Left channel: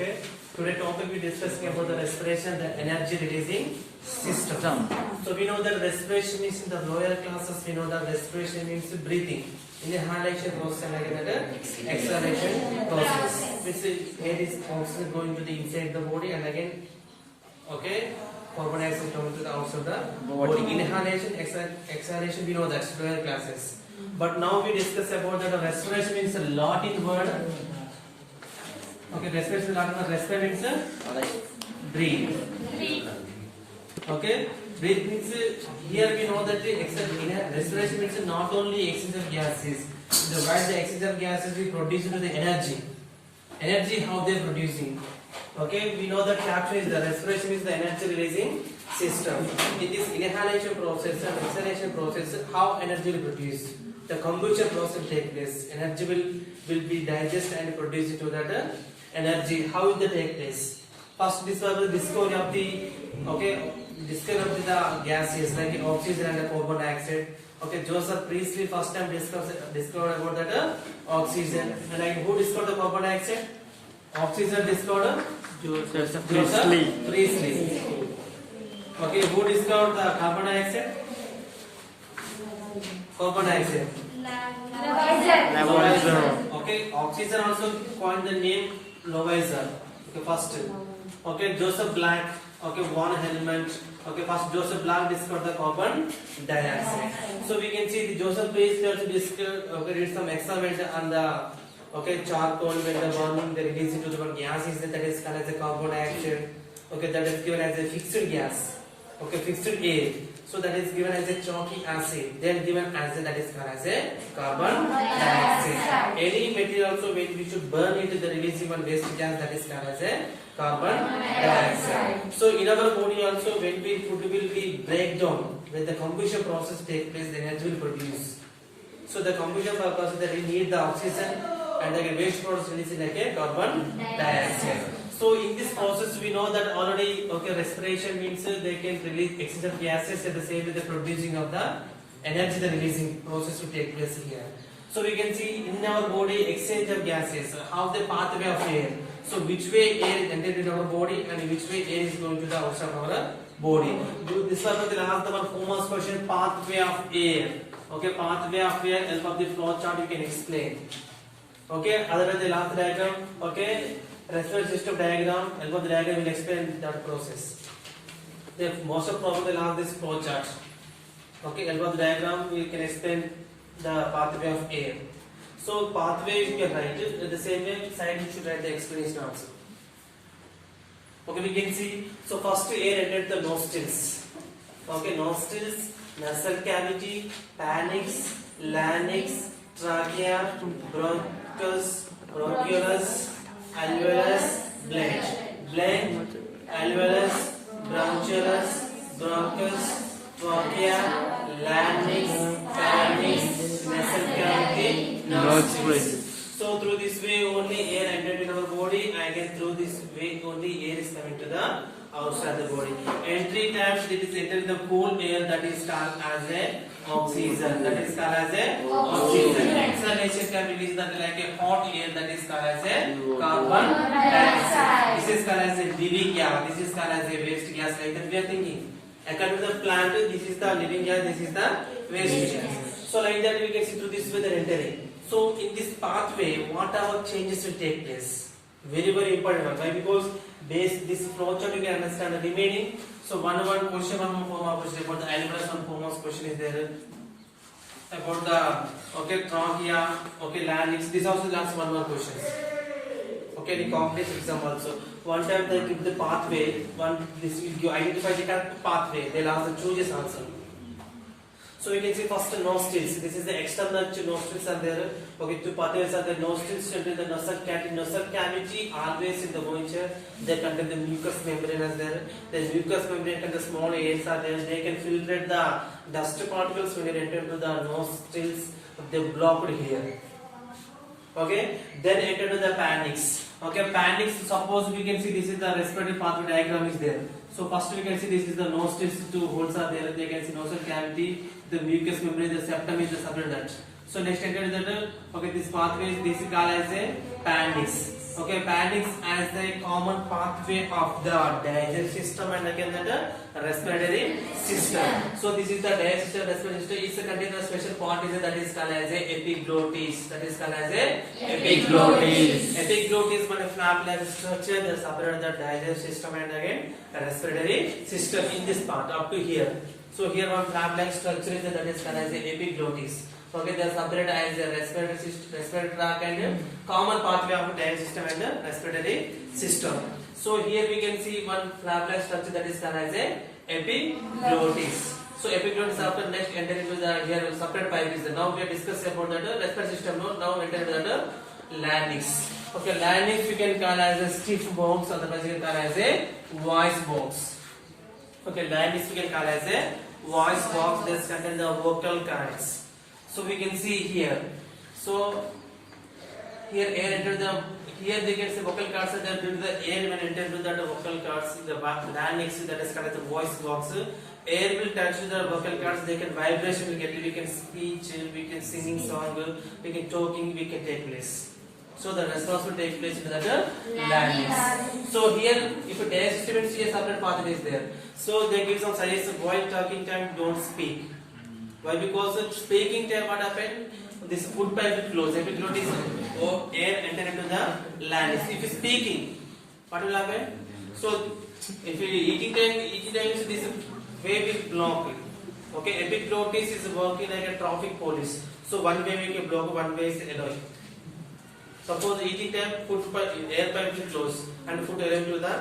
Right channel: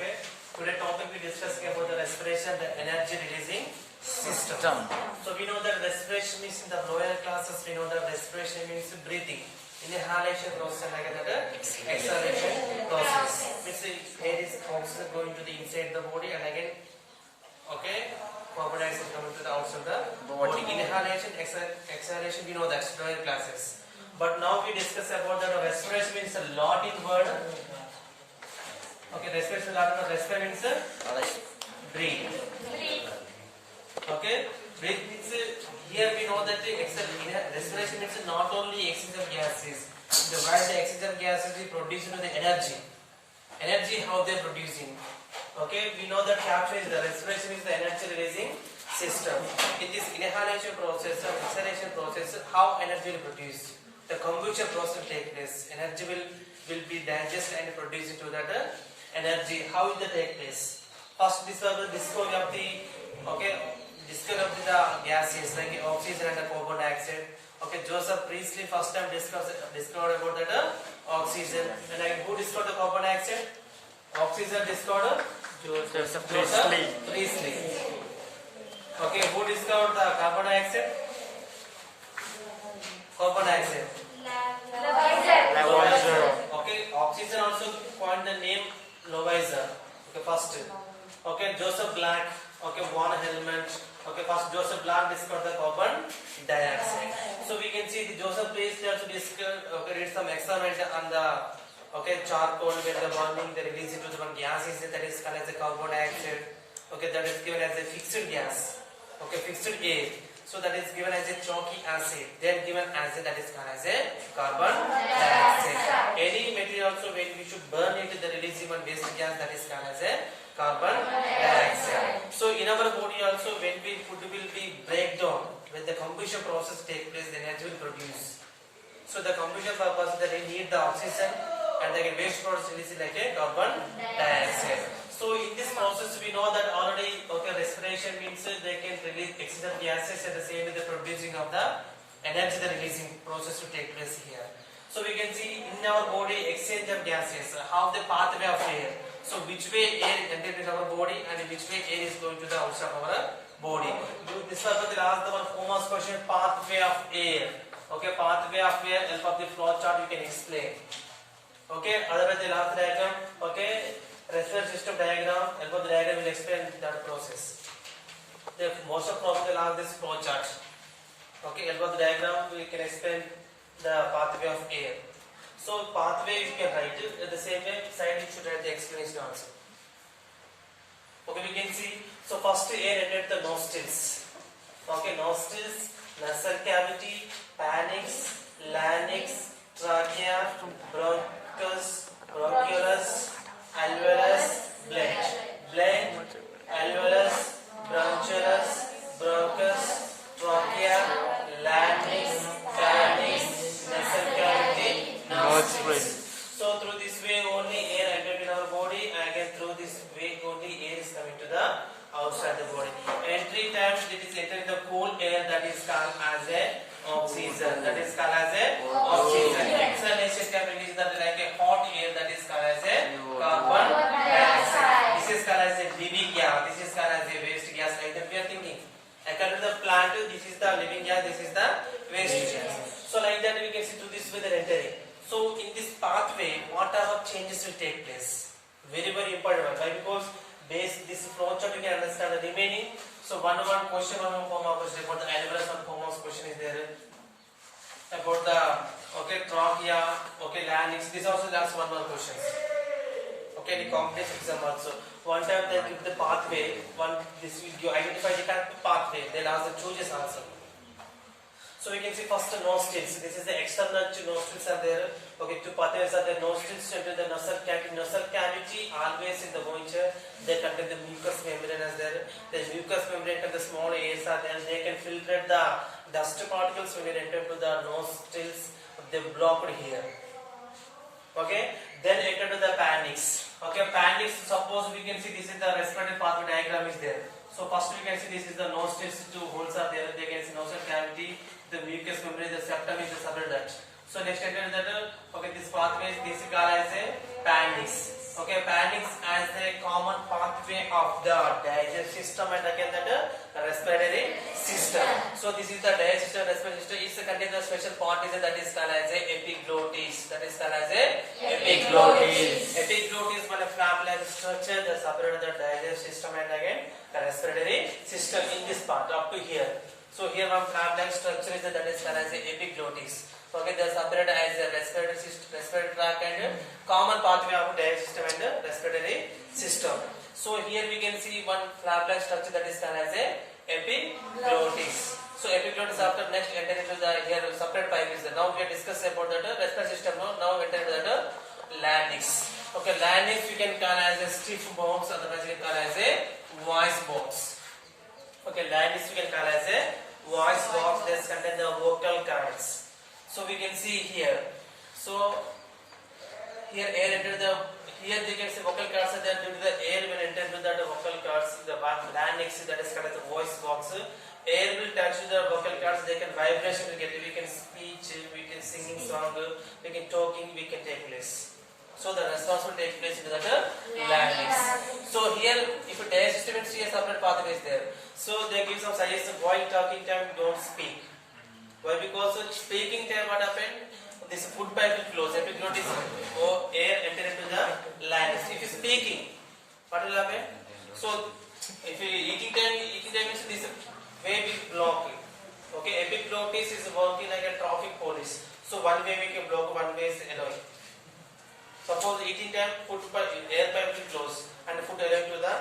Okay. Today topic we discussing about the respiration, the energy releasing system. So we know that respiration means in the lower classes we know that respiration means breathing. Inhalation process and again the exhalation process. Which air is oxygen going to the inside the body and again okay carbon dioxide coming to the outside the body. Inhalation, exhalation we know that's lower classes. But now we discuss about the respiration means a Latin word. Okay, respiration Latin word. Respire means breathe. Okay, breathe means here we know that respiration means not only exchange of gases. While the exchange of gases we produce the energy. Energy how they are producing. Okay, we know that capture is the respiration is the energy releasing system. It is inhalation process and exhalation process. How energy will produce? The combustion process will take place. Energy will be digested and produced into that energy. How will that take place? First, this is the discovery of the gases like oxygen and the carbon dioxide. Okay, Joseph Priestley first time discovered about the oxygen. And like who discovered the carbon dioxide? Oxygen discovered Joseph Priestley. Okay, who discovered the carbon dioxide? Carbon dioxide. Lavoisier. Okay, oxygen also coined the name Lavoisier. Okay, first. Okay, Joseph Blanc. Okay, one element. Okay, first Joseph Blanc discovered the carbon dioxide. So we can see the Joseph Priestley also discovered. Okay, did some experiment on the charcoal when the burning they release into the one gas is that is called as a carbon dioxide. Okay, that is given as a fixed gas. Okay, fixed air. So that is given as a chalky acid. Then given as that is called as a carbon dioxide. Any material also when we should burn it, the releasing one waste gas that is called as a carbon dioxide. So in our body also when we food will be breakdown, when the combustion process take place, the energy will produce. So the combustion purpose that we need the oxygen and the waste products release like a carbon dioxide. So in this process we know that already respiration means they can release excess of gases at the same with the producing of the energy the releasing process will take place here. So we can see in our body exchange of gases, how the pathway of air. So which way air is entered in our body and which way air is going to the outside of our body. This was the last one famous question, pathway of air. Okay, pathway of air, help of the flow chart you can explain. Okay, otherwise the last diagram, okay, respiratory system diagram, help of the diagram will explain that process. The most of probably the last this flow chart. Okay, help of the diagram we can explain the pathway of air. So pathway you can write it the same way side you should write the explanation also. Okay, we can see. So first air entered the nostrils. Okay, nostrils, nasal cavity, pharynx, larynx, trachea, bronchus, bronchioles, alveolus, blend, alveolus, bronchioles, bronchus, trachea, larynx, pharynx, nasal cavity, nostrils. So through this way only air entered in our body, and again through this way only air is coming to the outside the body. Entry times it is entering the cool air that is called as a oxygen. That is called as a oxygen. Exhalation can release that like a hot air that is called as a carbon dioxide. This is called as a living gas. This is called as a waste gas. Like that we are thinking. According to the plant, this is the living gas. This is the waste gas. So like that we can see through this way they are entering. So in this pathway, whatever changes will take place. Very important one. Why? Because based this flow chart you can understand the remaining. So one question, one form question about the alveolus, one form question is there about the trachea, larynx. This also last one more question. Okay, the complex exam also. One time they give the pathway. You identify the correct pathway. They'll ask the chooses answer. So we can see first nostrils. This is the external nostrils are there. Okay, two pathways are the nostrils enter the nasal cavity. Nasal cavity always in the voucher. They contain the mucous membrane as there. The mucous membrane and the small airs are there. They can filtrate the dust particles when you enter into the nostrils. They blocked here. Okay, then enter to the pharynx. Okay, pharynx. Suppose we can see this is the respiratory pathway diagram is there. So first we can see this is the nostrils, two holes are there. They can see nasal cavity, the mucous membrane, the septum is the separate that. So next enter that. Okay, this pathway is called as a pharynx. Okay, pharynx as the common pathway of the digestive system and again the respiratory system. So this is the digestive respiratory system. It's a contains a special part is that is called as a epiglottis. That is called as a Epiglottis. Epiglottis is a flap-like structure that separates the digestive system and again the respiratory system in this part up to here. So here one flap-like structure is that is called as a epiglottis. Okay, they are separated as a respiratory system, respiratory tract and common pathway of digestive system and the respiratory system. So here we can see one flap-like structure that is called as a epiglottis. So epiglottis after next enter into the here separate pipe is there. Now we are discussing about the respiratory system. Now enter into the larynx. Okay, larynx you can call as a stiff bones, otherwise you can call as a voice box. Okay, larynx you can call as a voice box. This contain the vocal cords. So we can see here. So here air enter the here they can see vocal cords are there due to the air will enter into the vocal cords. The larynx that is called as the voice box. Air will touch the vocal cords. They can vibration will get. We can speech. We can singing song. We can talking. We can take place. So the response will take place in the larynx. So here, if a digestive system is separate pathway is there. So they give some suggestions while talking time don't speak. Why? Because speaking time what happened? This food pipe will close. Epiglottis or air enter into the larynx. If you speaking, what will happen? So if you eating time is this way will block. Okay, epiglottis is working like a traffic police. So one way we can block, one way is allowing. Suppose eating time, food pipe, air pipe will close and food arrive to the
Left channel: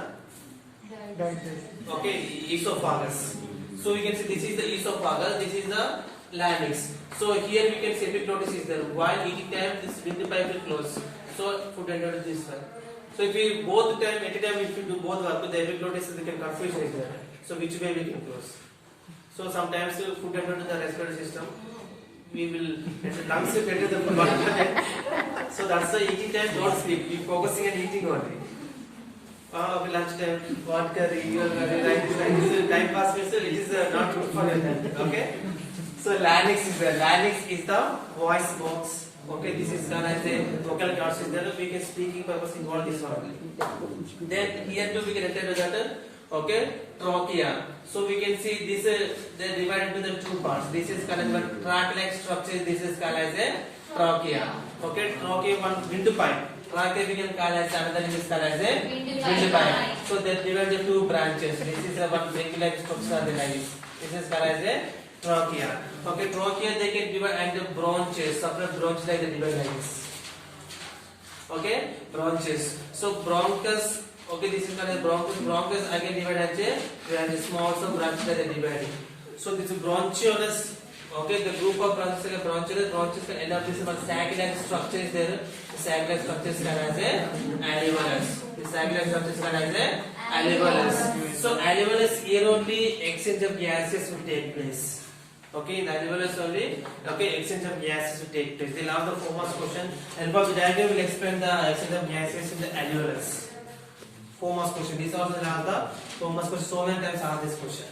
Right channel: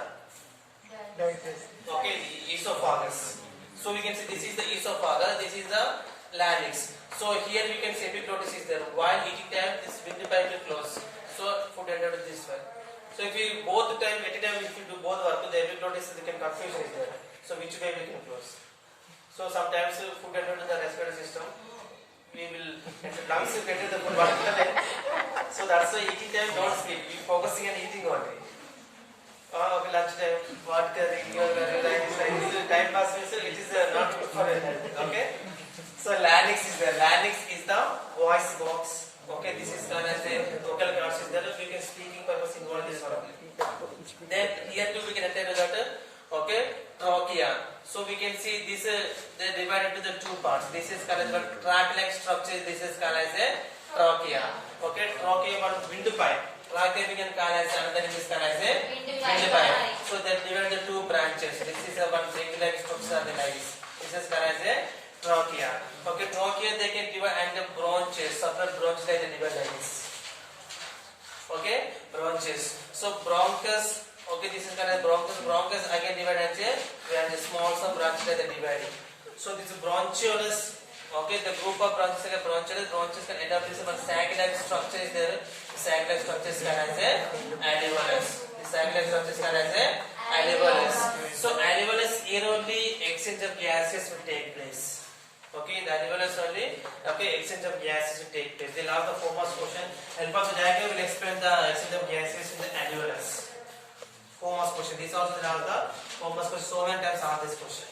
okay esophagus. So we can see this is the esophagus, this is the larynx. So here we can see epiglottis is there. While eating time, this windpipe will close. So food enter this way. So if we both time, at a time if you do both work, the epiglottis we can confusion is there. So which way we can close? So sometimes food enter to the respiratory system. We will lungs will enter the food. So that's why eating time don't sleep. We focusing on eating only. Okay, lunch time, what curry, time pass it is not good for health. Okay. So larynx is there. Larynx is the voice box. Okay, this is done as a vocal cords is there. We can speaking purpose involve this one. Then here too we can attend to that. Okay, trachea. So we can see this they divided into the two parts. This is called as one tract-like structure. This is called as a trachea. Okay, trachea one windpipe. Trachea we can call as another name is called as a windpipe. So they divide the two branches. This is a one ring-like structure the like this is called as a trachea. Okay, trachea they can divide and the branches, separate branches like they divide like this. Okay, branches. So bronchus. Okay, this is called as bronchus. Bronchus again divided as a small some branches that are divided. So this is bronchioles. Okay, the group of branches like bronchioles can end up this one sac-like structure is there. The sac-like structure is called as a alveolus. The sac-like structure is called as a alveolus. So alveolus here only exchange of gases will take place. Okay, the alveolus only. Okay, exchange of gases will take place. They'll have the famous question. Help us diagram will explain the exchange of gases in the alveolus. Famous question. This also will have the famous question. So many times ask this question.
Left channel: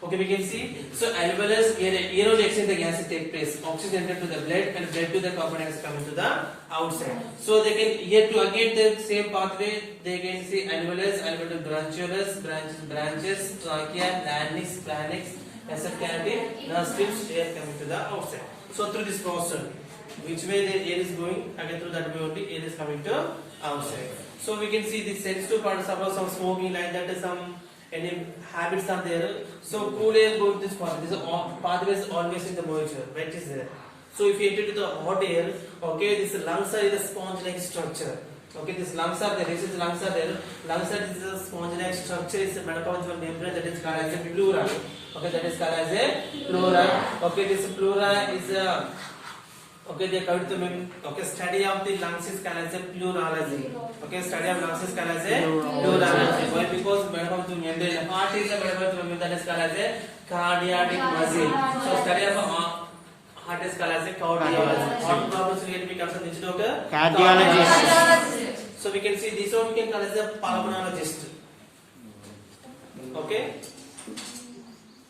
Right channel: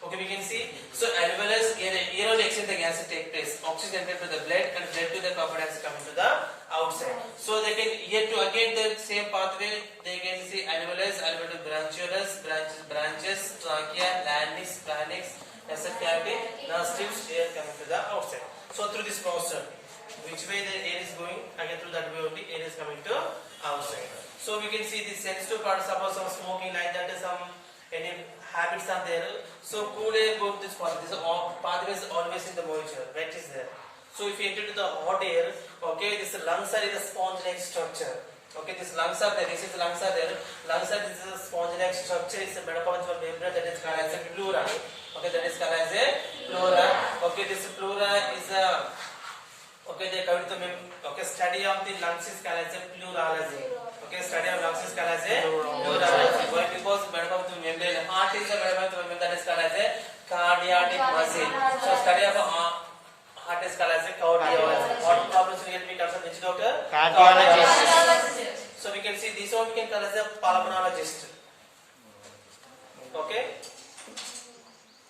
Okay, we can see. So alveolus here only exchange the gases take place. Oxygen enter to the blood and blood to the carbon dioxide coming to the outside. So they can here to again the same pathway. They can see alveolus, alveolus bronchioles, branches, trachea, larynx, pharynx, nasal cavity, nerve strips, air coming to the outside. So through this process, which way the air is going, again through that way only air is coming to outside. So we can see this sensitive part. Suppose some smoking like that, some any habits are there. So cool air go to this part. This pathway is always in the moisture. Right is there. So if you enter to the hot air, okay, this lungs are in a sponge-like structure. Okay, this lungs are there. This is lungs are there. Lungs are this is a sponge-like structure. It's a metabolism membrane that is called as a pleura. Okay, that is called as a pleura. Okay, this pleura is a okay, they come to okay, study of the lungs is called as a pleurology. Okay, study of lungs is called as a pleurology. Why? Because metabolism membrane, heart is a metabolism membrane that is called as a cardiac muscle. So study of heart is called as a cardiology. Heart problems will get to be concerned which doctor? Cardiologist. So we can see this one we can call as a pulmonologist. Okay.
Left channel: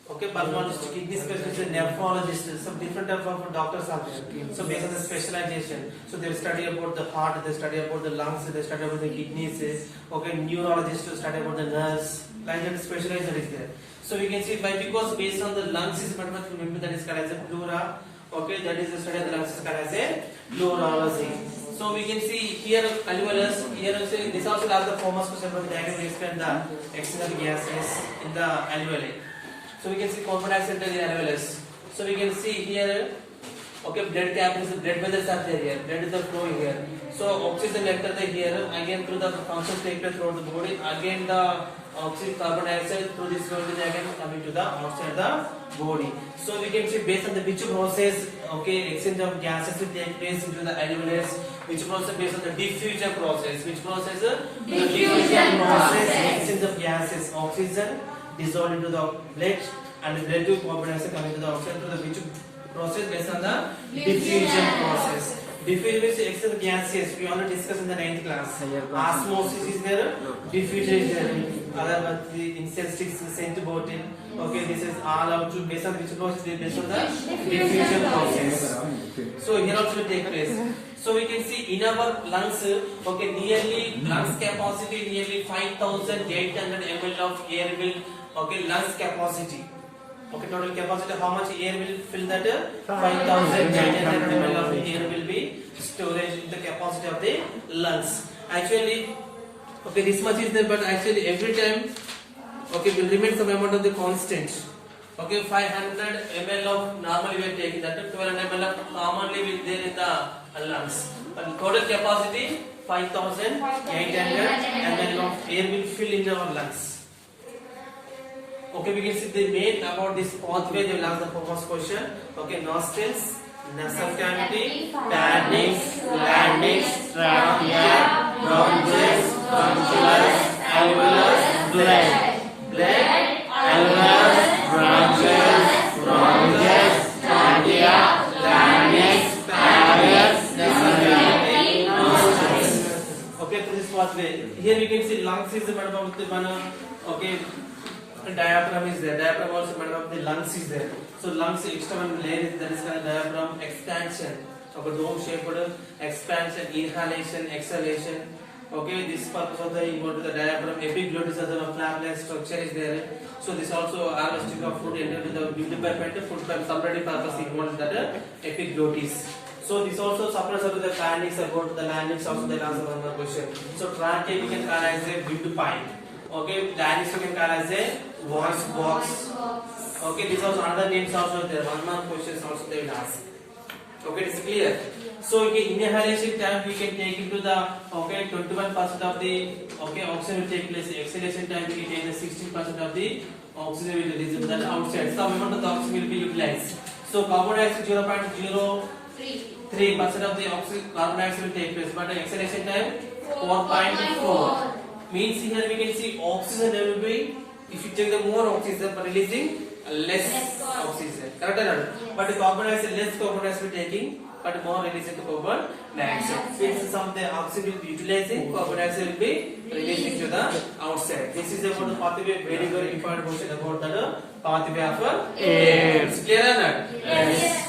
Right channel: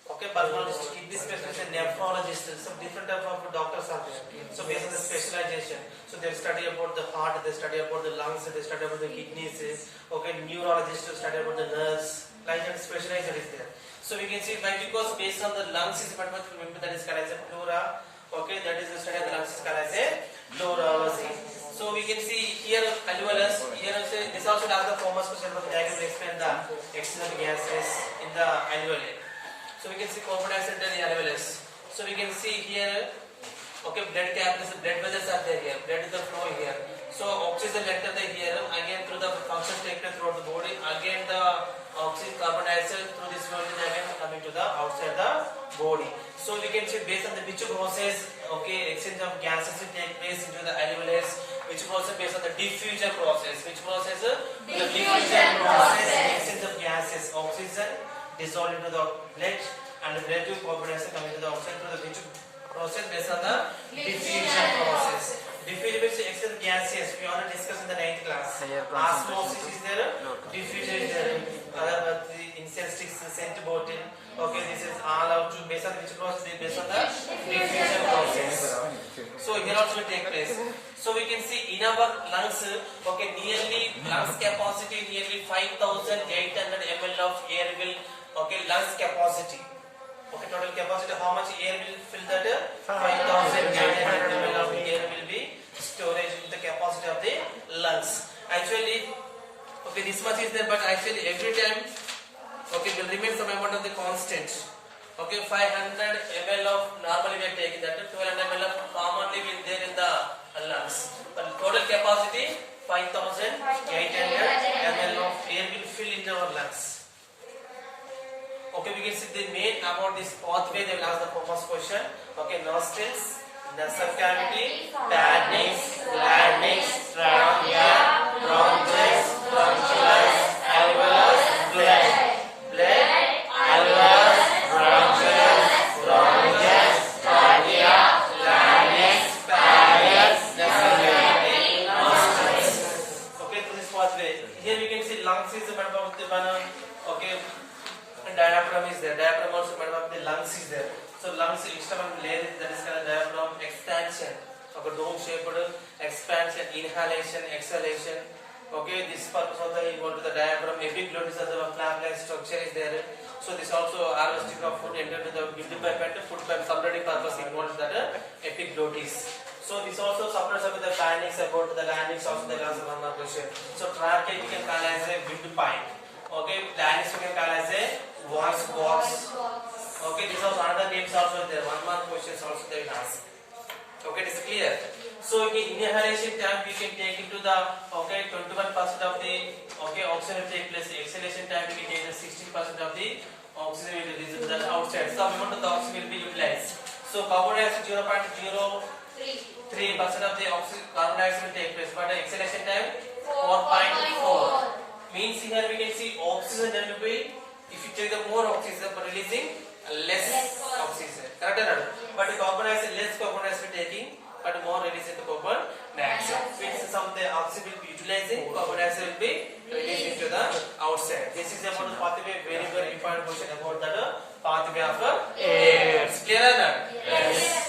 Okay, pulmonologist, kidney specialist, nephrologist, some different type of doctors are there. So based on the specialization, so they study about the heart, they study about the lungs, they study about the kidneys. Okay, neurologist study about the nerves. Like that specialization is there. So we can see why, because based on the lungs is remember that is called as a pleura. Okay, that is the study of the lungs is called as a pleurology. So we can see here alveolus. Here also this also has the famous question from diagram explain the external gases in the alveoli. So we can see carbon dioxide in the alveolus. So we can see here, okay, blood capillaries, blood vessels are there here. Blood is the flow here. So oxygen enter the here again through the functions take place throughout the body. Again the oxygen, carbon dioxide through this flow is again coming to the outside the body. So we can see based on the which process, okay, exchange of gases will take place into the alveolus. Which process based on the diffusion process? Which process? The diffusion process, exchange of gases, oxygen dissolved into the blood and the blood with carbon dioxide coming to the outside through the which process based on the diffusion process. Diffusion means exchange of gases. We already discussed in the 9th class. Osmosis is there, diffusion is there. Otherwise, the insect sticks in scent bottle. Okay, this is all out to based on which process? Based on the diffusion process. So here also will take place. So we can see in our lungs, okay, nearly lungs capacity nearly 5,800 ml of air will, okay, lungs capacity. Okay, total capacity, how much air will fill that? 5,800 ml of air will be storage in the capacity of the lungs. Actually, okay, this much is there, but actually every time, okay, will remain some amount of the constant. Okay, 500 ml of normally we are taking that, 1200 ml of commonly will there in the lungs. But total capacity 5,800 ml of air will fill in our lungs. Okay, we can see the main about this pathway. They will ask the first question. Okay, nostrils, nasal cavity, pharynx, larynx, trachea, bronchus, bronchioles, alveolus, blood, alveolus, bronchus, bronchus, trachea, larynx, pharynx, nasal cavity, nostrils. Okay, to this pathway. Here we can see lungs is one of the one. Okay. Diaphragm is there. Diaphragm also made of the lungs is there. So lungs external layer is there is called diaphragm expansion. Okay, dome shaped expansion, inhalation, exhalation. Okay, this purpose of the you go to the diaphragm. Epiglottis as a flap-like structure is there. So this also harvesting of food entered to the windpipe and the food pipe supply purpose involved that epiglottis. So this also supplies up to the pharynx about the larynx also the answer one more question. So trachea we can call as a windpipe. Okay, larynx we can call as a voice box. Okay, this also another names also there. One more questions also they will ask. Okay, it is clear. So okay, inhalation time we can take into the 21% of the oxygen will take place. Exhalation time we can take the 16% of the oxygen will release to the outside. So amount of the oxygen will be utilized. So carbon dioxide 0.03% of the carbon dioxide will take place, but the exhalation time 4.4. Means here we can see oxygen there will be, if you take the more oxygen but releasing less oxygen, correct or not? But the carbon dioxide, less carbon dioxide taking but more releasing the carbon dioxide. Since some of the oxygen will be utilizing, carbon dioxide will be releasing to the outside. This is about the pathway, very very important question about the pathway of air. It's clear or not? Yes.